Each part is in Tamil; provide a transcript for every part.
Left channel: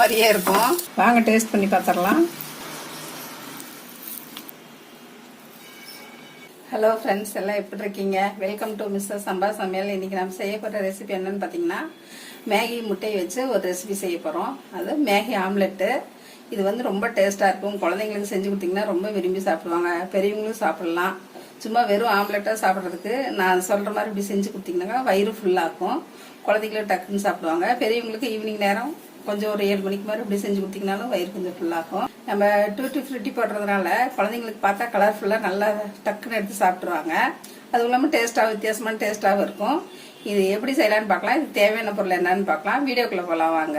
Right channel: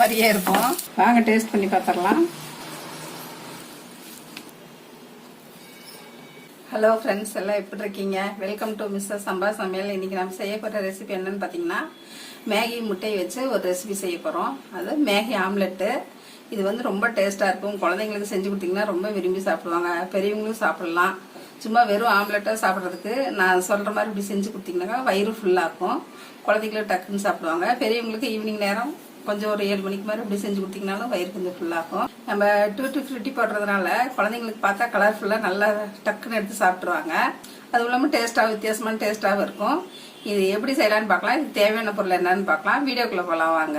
மாதிரியே இருக்கும். வாங்க டேஸ்ட் பண்ணி பார்த்துடலாம். ஹலோ ஃப்ரெண்ட்ஸ், எல்லாம் எப்படி இருக்கீங்க? வெல்கம் டு மிஸ்டர் சம்பா சமையல். இன்னைக்கு நம்ம செய்ய போகிற ரெசிபி என்னன்னு பார்த்தீங்கன்னா, மேகி முட்டையை வச்சு ஒரு ரெசிபி செய்ய போகிறோம். அது மேகி ஆம்லெட்டு. இது வந்து ரொம்ப டேஸ்ட்டாக இருக்கும். குழந்தைங்களுக்கு செஞ்சு கொடுத்தீங்கன்னா ரொம்ப விரும்பி சாப்பிடுவாங்க. பெரியவங்களும் சாப்பிடலாம். சும்மா வெறும் ஆம்லெட்டாக சாப்பிட்றதுக்கு நான் சொல்கிற மாதிரி இப்படி செஞ்சு கொடுத்தீங்கன்னா வயிறு ஃபுல்லாக இருக்கும். குழந்தைங்களுக்கு டக்குன்னு சாப்பிடுவாங்க. பெரியவங்களுக்கு ஈவினிங் நேரம் கொஞ்சம் ஒரு 7 மணிக்கு மாதிரி இப்படி செஞ்சு கொடுத்தீங்கனாலும் வயிறு கொஞ்சம் ஃபுல்லாகும். நம்ம டூட்டி ஃப்ரூட்டி போடுறதுனால குழந்தைங்களுக்கு பார்த்தா கலர்ஃபுல்லாக நல்லா டக்குன்னு எடுத்து சாப்பிட்ருவாங்க. அதுவும் இல்லாமல் டேஸ்ட்டாக வித்தியாசமான டேஸ்ட்டாகவும் இருக்கும். இது எப்படி செய்யலான்னு பார்க்கலாம். இது தேவையான பொருள் என்னன்னு பார்க்கலாம். வீடியோக்குள்ளே போகலாம் வாங்க.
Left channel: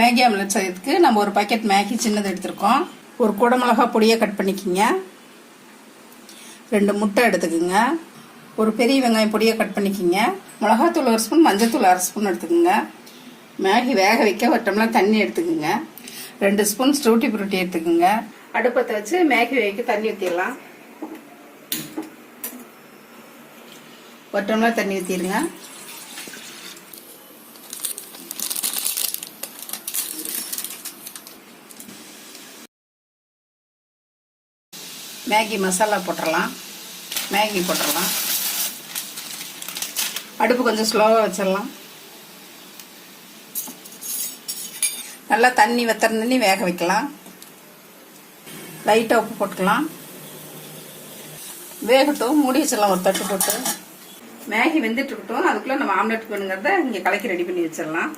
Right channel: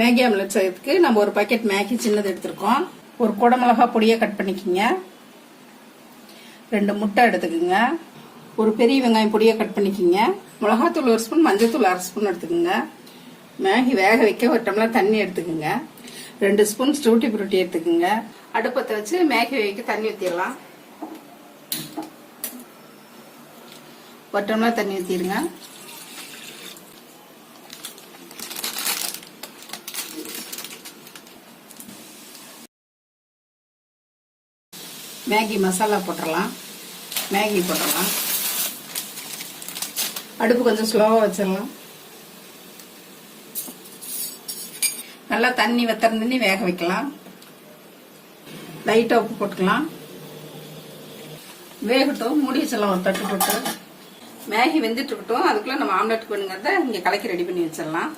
மேகி ஆம்லெட் செய்யறதுக்கு நம்ம ஒரு பாக்கெட் மேகி சின்னது எடுத்துருக்கோம். ஒரு குடமிளகா பொடியை கட் பண்ணிக்கோங்க. 2 முட்டை எடுத்துக்கோங்க. ஒரு பெரிய வெங்காயம் பொடியை கட் பண்ணிக்கோங்க. மிளகாத்தூள் 1 ஸ்பூன், மஞ்சத்தூள் 1/2 ஸ்பூன் எடுத்துக்கோங்க. மேகி வேக வைக்க ஒரு டம்ளர் தண்ணி எடுத்துக்கோங்க. 2 ஸ்பூன் டூட்டி ஃப்ரூட்டி எடுத்துக்கோங்க. அடுப்பத்தை வச்சு மேகி வேக தண்ணி ஊற்றிடலாம். ஒரு டம்ளர் தண்ணி ஊற்றிடுங்க. மேகி மசாலா போட்டுடலாம். மேகி போட்டுடலாம். அடுப்பு கொஞ்சம் ஸ்லோவாக வச்சிடலாம். நல்லா தண்ணி வத்தர தண்ணி வேக வைக்கலாம். லைட்டாக உப்பு போட்டுக்கலாம். வேகட்டும், மூடி வச்சிடலாம் ஒரு தட்டு போட்டு. மேகி வெந்துட்டு இருக்கட்டும். அதுக்குள்ள நம்ம ஆம்லெட்டுக்கு வேணுங்கிறத இங்கே கலக்கி ரெடி பண்ணி வச்சிடலாம்.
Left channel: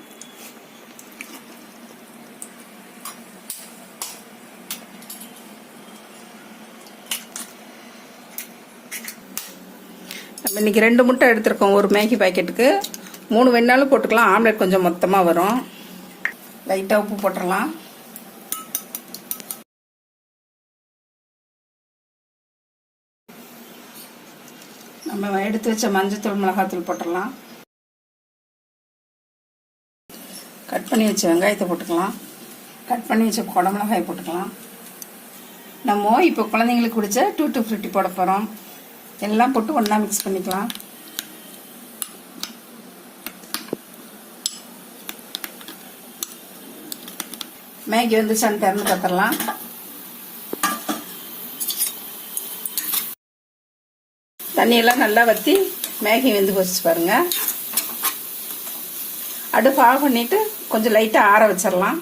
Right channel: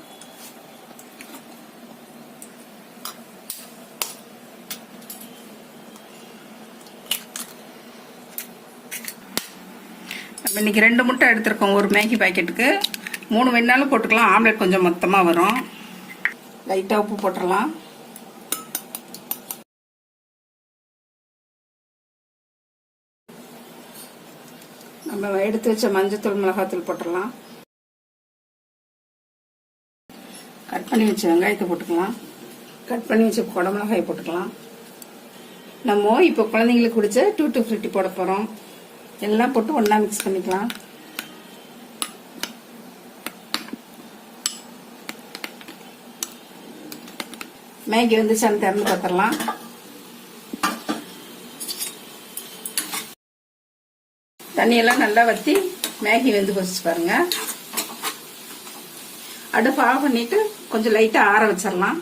இன்னைக்கு 2 முட்டை எடுத்துருக்கோம். ஒரு மேகி பாக்கெட்டுக்கு 3 வேணாலும் போட்டுக்கலாம். ஆம்லெட் கொஞ்சம் மொத்தமாக வரும். லைட்டாக உப்பு போட்டுடலாம். நம்ம எடுத்து வச்ச மஞ்சத்தூள் மிளகாத்தூள் போட்டுடலாம். கட் பண்ணி வச்ச வெங்காயத்தை போட்டுக்கலாம். கட் பண்ணி வச்ச குடமிளகாய் போட்டுக்கலாம். நம்ம இப்போ குழந்தைங்களுக்கு பிடிச்ச டூட்டி ஃப்ரூட்டி போட போகிறோம். எல்லாம் போட்டு ஒன்றா மிக்ஸ் பண்ணிக்கலாம். மேகி வந்து திறந்து பார்த்துடலாம். தண்ணியெல்லாம் நல்லா வற்றி மேகி வெந்து வச்சு பாருங்க. அடுப்பு ஆஃப் பண்ணிட்டு கொஞ்சம் லைட்டாக ஆற வச்சிடலாம்.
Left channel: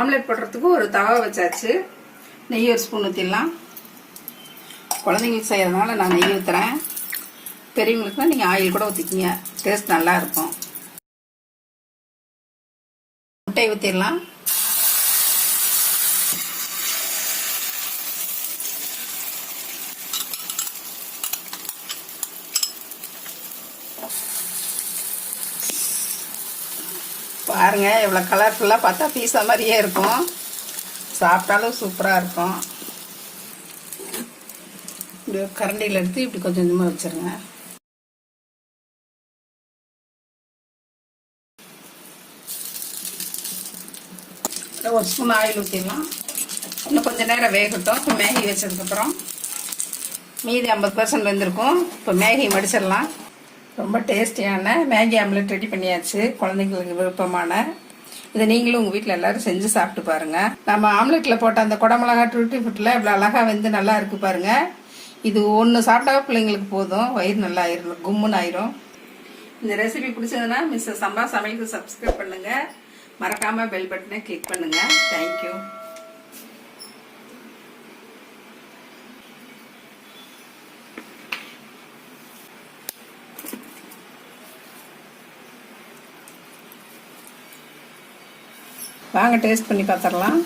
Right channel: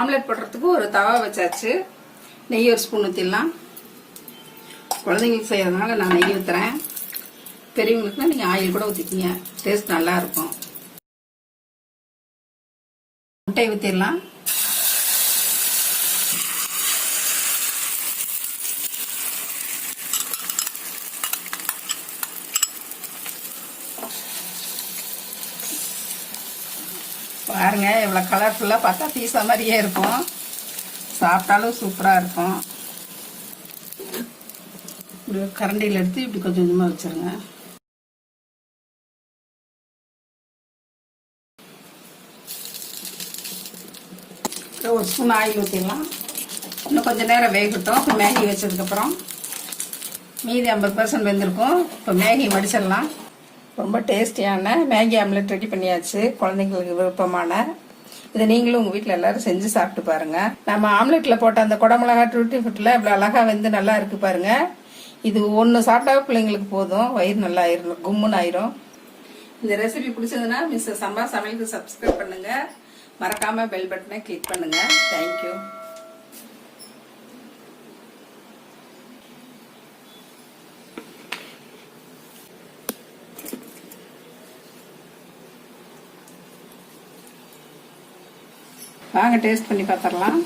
ஆம்லெட் போடுறதுக்கு ஒரு தவா வச்சாச்சு. நெய் 1 ஸ்பூன் ஊற்றிடலாம். குழந்தைங்களுக்கு செய்யறதுனால நான் நெய் ஊற்றுறேன். பெரியவங்களுக்குனா நீங்கள் ஆயில் கூட ஊற்றிக்கிங்க. டேஸ்ட் நல்லா இருக்கும். முட்டை ஊற்றிடலாம். பாருங்க எவ்வளோ கலர்ஃபுல்லாக, பார்த்தா பீஸா மாதிரியே இருக்கும். சாப்பிட்டாலும் சூப்பராக இருக்கும். இப்படி கரண்டியில் எடுத்து இப்படி கொஞ்சம் கொஞ்சமாக வச்சிருங்க. ஒரு ஸ்பூன் ஆயில் ஊற்றிடலாம். இன்னும் கொஞ்சம் நேரம் வேகட்டும். இப்போ மேகி வச்சதுக்கப்புறம் மீதி 50% வெந்திருக்கும். இப்போ மேகி மடிச்சிடலாம். ரொம்ப டேஸ்டியான மேகி ஆம்லெட் ரெடி பண்ணியாச்சு. குழந்தைங்களுக்கு விருப்பமான இதை நீங்களும் உங்கள் வீட்டில் எல்லாரும் செஞ்சு சாப்பிட்டு பாருங்க. நம்ம ஆம்லெட்டில் போட்ட அந்த குடமிளகா டூட்டி ஃப்ரூட்டில் இவ்வளோ அழகாக வெந்து நல்லா இருக்கு பாருங்க. இது ஒன்று சாப்பிட்டாவே பிள்ளைங்களுக்கு போதும், வயிறு நல்லா ஆயிரும், கும்முன்னு ஆயிரும். இந்த ரெசிபி பிடிச்சதுன்னா மிஸ்டர் சம்பா சமையலுக்கு சப்ஸ்கிரைப் பண்ணுங்க. மறக்காம பெல் பட்டனை கிளிக் பண்ணுங்க. தேங்க்யூ. வாங்க டேஸ்ட் பண்ணி பார்த்துடலாம்.